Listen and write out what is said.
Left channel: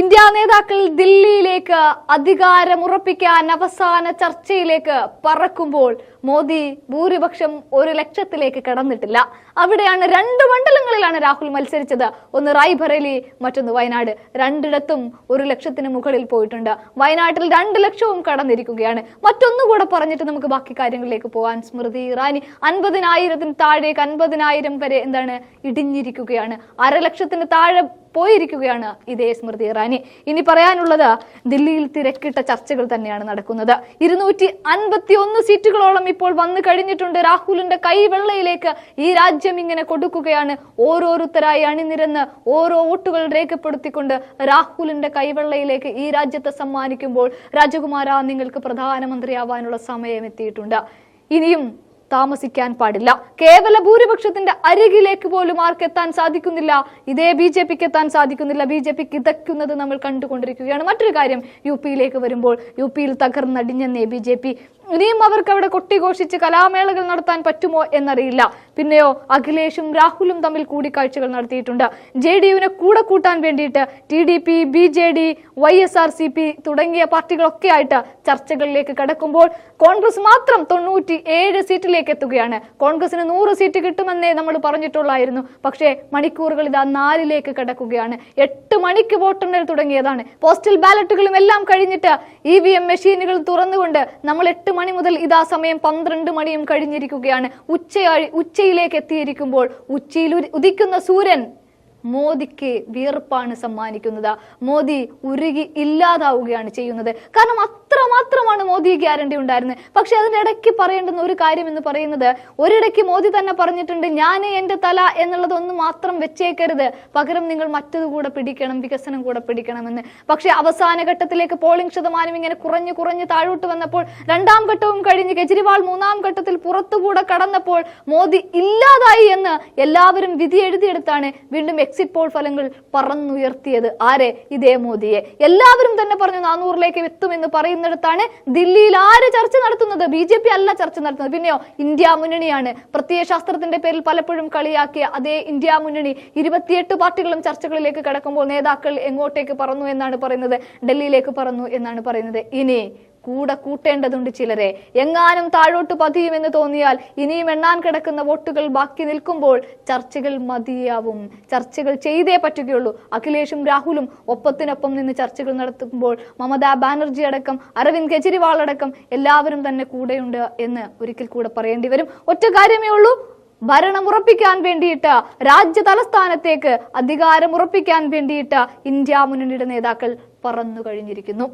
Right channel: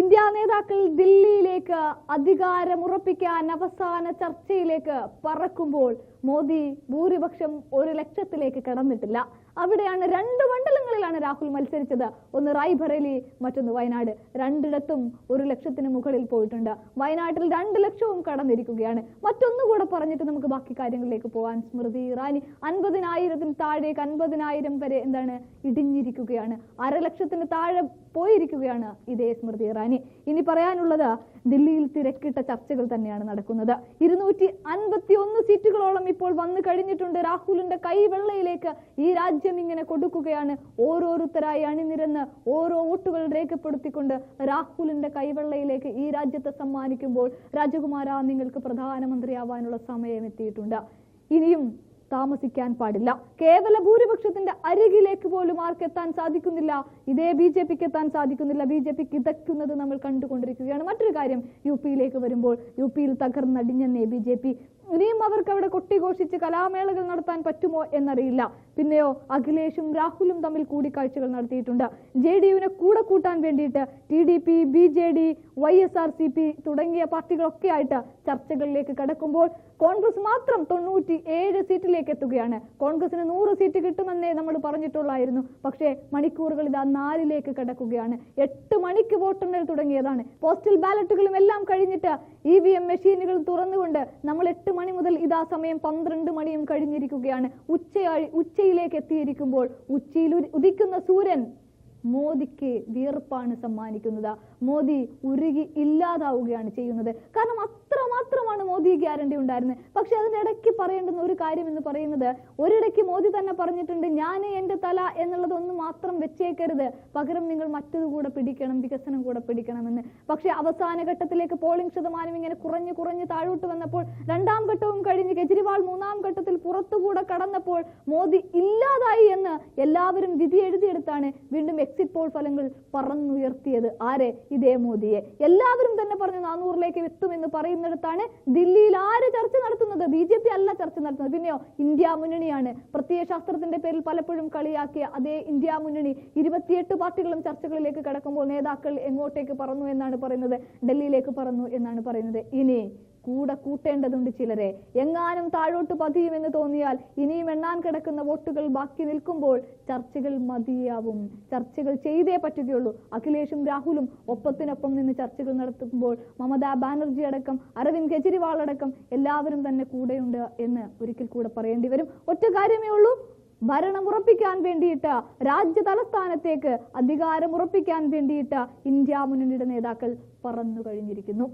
India നേതാക്കൾ ദില്ലിയിലേക്ക് അധികാരമുറപ്പിക്കാൻ അവസാന ചർച്ചയിലേക്ക് പറക്കുമ്പോൾ മോദി ഭൂരിപക്ഷം ഒരു ലക്ഷത്തിലേക്ക് കടന്നിട്ടില്ല. അവിടെയാണ് രണ്ട് മണ്ഡലങ്ങളിലാണ് രാഹുൽ മത്സരിച്ചത്. ഒന്ന് റായ്ബറേലി മറ്റൊന്ന് വയനാട്. രണ്ടിടത്തും ഒരു ലക്ഷത്തിന് മുകളിൽ പോയിട്ടുണ്ട്. വയനാട്ടിൽ രണ്ട് ലക്ഷവും കടന്നിരിക്കുകയാണ്. മറ്റൊന്നുകൂടെ പറഞ്ഞിട്ട് നമുക്ക് ബാക്കി കാര്യങ്ങളിലേക്ക് പോകാൻ സ്മൃതി ഇറാനി അൻപതിനായിരത്തിന് താഴേക്ക് അൻപതിനായിരം വരെ എന്താണ് ഇടിഞ്ഞിരിക്കുകയാണ്. അരലക്ഷത്തിന് താഴെ പോയിരിക്കുകയാണ് ഇതേ സ്മൃതി ഇറാനി. ഇനി പറയാനുള്ളത് ദില്ലിയിൽ തിരക്കിട്ട ചർച്ചകൾ തന്നെയാണ് നടക്കുന്നത്. ഇരുന്നൂറ്റി അൻപത്തി ഒന്ന് സീറ്റുകളോളം ഇപ്പോൾ വന്നു കഴിഞ്ഞിട്ടുണ്ട് രാഹുലിന്റെ കൈവെള്ളയിലേക്ക്. ഈ രാജ്യം ഇങ്ങനെ കൊടുക്കുകയാണ്. ഓരോരുത്തരായി അണിനിരന്ന് ഓരോ വോട്ടുകൾ രേഖപ്പെടുത്തിക്കൊണ്ട് രാഹുലിന്റെ കൈവെള്ളയിലേക്ക് ഈ രാജ്യത്തെ സമ്മാനിക്കുമ്പോൾ രാജകുമാര നിങ്ങൾക്ക് പ്രധാനമന്ത്രിയാവാനുള്ള സമയം എത്തിയിട്ടുണ്ട്. ഇനിയും താമസിക്കാൻ പാടില്ല. കേവല ഭൂരിപക്ഷത്തിന്റെ അരികിലേക്ക് പോലും ആർക്ക് എത്താൻ സാധിക്കുന്നില്ല? ഇതേ ബി ജെ പിക്ക് എത്താൻ സാധിക്കുന്നില്ല. ബി ജെ പിക്ക് ഇതയ്ക്കുന്നത് നമ്മൾ കണ്ടുകൊണ്ടിരിക്കുകയാണ്. മറ്റൊരു കാര്യം യു പിയിലേക്ക് വരുമ്പോൾ യു പിയിൽ തകർന്നടിഞ്ഞെന്നേ ബി ജെ പി ഇനിയും അവർക്ക് അവിടെ കൊട്ടിഘോഷിച്ച് കലാമേളകൾ നടത്താൻ പറ്റുമോ എന്നറിയില്ല. പിന്നെയോ അഖിലേഷും രാഹുലും തമ്മിൽ കൂടിക്കാഴ്ചകൾ നടത്തിയിട്ടുണ്ട്. ജെ ഡി യുവിനെ കൂടെ കൂട്ടാൻ വേണ്ടിയിട്ട് T D P B J D Y S R C P തുടങ്ങിയ പാർട്ടികളൊക്കെ ആയിട്ട് ചർച്ചകളിലേക്ക് കടക്കുമ്പോൾ കോൺഗ്രസ് മാത്രം തൊണ്ണൂറ്റി ഏഴ് സീറ്റിലേക്ക് എത്തുകയാണ്. കോൺഗ്രസിന് നൂറ് സീറ്റ് കിട്ടുമെന്നേ നമ്മൾ പറഞ്ഞിട്ടുള്ളായിരുന്നു. പക്ഷേ മണിക്കൂറുകൾ ഇതാ നാലിലേക്ക് കടക്കുകയാണ്. എട്ട് മണിക്ക് വോട്ടെണ്ണൽ തുടങ്ങിയതാണ്. പോസ്റ്റൽ ബാലറ്റുകളും എല്ലാം കഴിഞ്ഞിട്ട് ഇ വി എം മെഷീനുകൾ തുറന്നുകൊണ്ട് നമ്മൾ എട്ട് മണി മുതൽ ഇതാ സമയം പന്ത്രണ്ട് മണിയും കഴിഞ്ഞിരിക്കുകയാണ്. ഉച്ചയായി ഉച്ചയിലേക്ക് എത്തിയിരിക്കുമ്പോൾ ഉച്ചയിൽ ഉദിക്കുന്ന സൂര്യൻ മോദിക്ക് വിയർപ്പാണ് സമ്മാനിക്കുന്നത്. മോദി ഉരുകി ഇല്ലാതാവുകയാണ് ചെയ്യുന്നത്. കാരണം അത്രമാത്രമാണ് മോദി ഗ്യാരണ്ടി ഉണ്ടായിരുന്നത്. പക്ഷെ അതിന്റെ ഇടയ്ക്ക് പറയേണ്ടുന്ന ഒരു കാര്യം എന്ന് പറയുന്നത് ഒരിടയ്ക്ക് മോദി തന്നെ പറഞ്ഞിട്ടുണ്ട് ഞാൻ എന്റെ തല എന്നുള്ളത് ഒന്ന് മാത്രം വെച്ചേക്കരുത്. പകരം നിങ്ങൾ മറ്റത് കൂടെ പിടിക്കണം വികസനം കൂടെ പിടിക്കണമെന്ന്. പക്ഷെ അവസാന ഘട്ടത്തിലേക്ക് പോളിംഗ് ശതമാനം ഇങ്ങനെ കുറഞ്ഞു കുറഞ്ഞ് താഴോട്ട് വന്നപ്പോൾ രണ്ടാം ഘട്ടവും കഴിഞ്ഞ് കെജ്രിവാൾ മൂന്നാം ഘട്ടത്തിൽ പുറത്തുകൂടെ കടന്നപ്പോൾ മോദി ഇല്ലാതായി എന്ന് എല്ലാവരും വിധി എഴുതിയെടുത്താണ്. വീണ്ടും എക്സിറ്റ് പോൾ ഫലങ്ങൾ പറന്നുയർത്തിയത് ആരെ? ഇതേ മോദിയെ. എല്ലാവരും തന്നെ പറഞ്ഞു നാനൂറിലേക്ക് എത്തുമെന്ന് പറയുന്നിടത്താണ് ദില്ലിയിൽ ആര് ചർച്ച നടത്തുന്നത്? ബി ജെ പി അല്ല ചർച്ച നടത്തുന്നത്. പിന്നെയോ ഇന്ത്യ മുന്നണിയാണ്. പ്രത്യയശാസ്ത്രത്തിന്റെ പേരിൽ പലപ്പോഴും കളിയാക്കിയ അതേ ഇന്ത്യ മുന്നണി ഇരുപത്തിയെട്ട് പാർട്ടികളും ചർച്ചകളിലേക്ക് കടക്കുമ്പോൾ നേതാക്കൾ എങ്ങോട്ടേക്ക് പറന്നു എന്നാണ് പറയുന്നത്? ഡൽഹിയിലേക്ക് പറന്നു എന്നാണ് പറയുന്നത്. ഇനി കൂടെ കൂട്ടേണ്ടതുണ്ട് ചിലരെ. എങ്ങാനും താഴോട്ട് പതിയുമെന്ന് തോന്നിയാൽ ഇനിയും എണ്ണാൻ കിടക്കുന്ന വോട്ടുകൾ ബാക്കി നിൽക്കുമ്പോൾ ചർച്ചകൾ മതിയാവും. ചർച്ചകൾ ചെയ്തേ പറ്റുകയുള്ളൂ. അഖിലേഷും രാഹുലും ഒപ്പത്തിനൊപ്പം നിന്ന് ചർച്ചകൾ നടത്തുമ്പോൾ മമതാ ബാനർജി അടക്കം അരവിന്ദ് കെജ്രിവാൾ അടക്കം എല്ലാവരും തന്നെ കൂടെയുണ്ട് എന്ന് ഒരിക്കൽ കൂടെ പറയേണ്ടി വരും. ഒറ്റ കാര്യമേ ഉള്ളൂ. ഭരണം ഉറപ്പിക്കാൻ വേണ്ടിയിട്ട് രാജ്യ തലസ്ഥാനത്തേക്ക് അധികാരം ഉറപ്പിക്കാൻ വേണ്ടിയിട്ട് ഇന്ത്യ മുന്നണിയുടെ നേതാക്കൾ പറന്നു കഴിഞ്ഞിരിക്കുന്നു.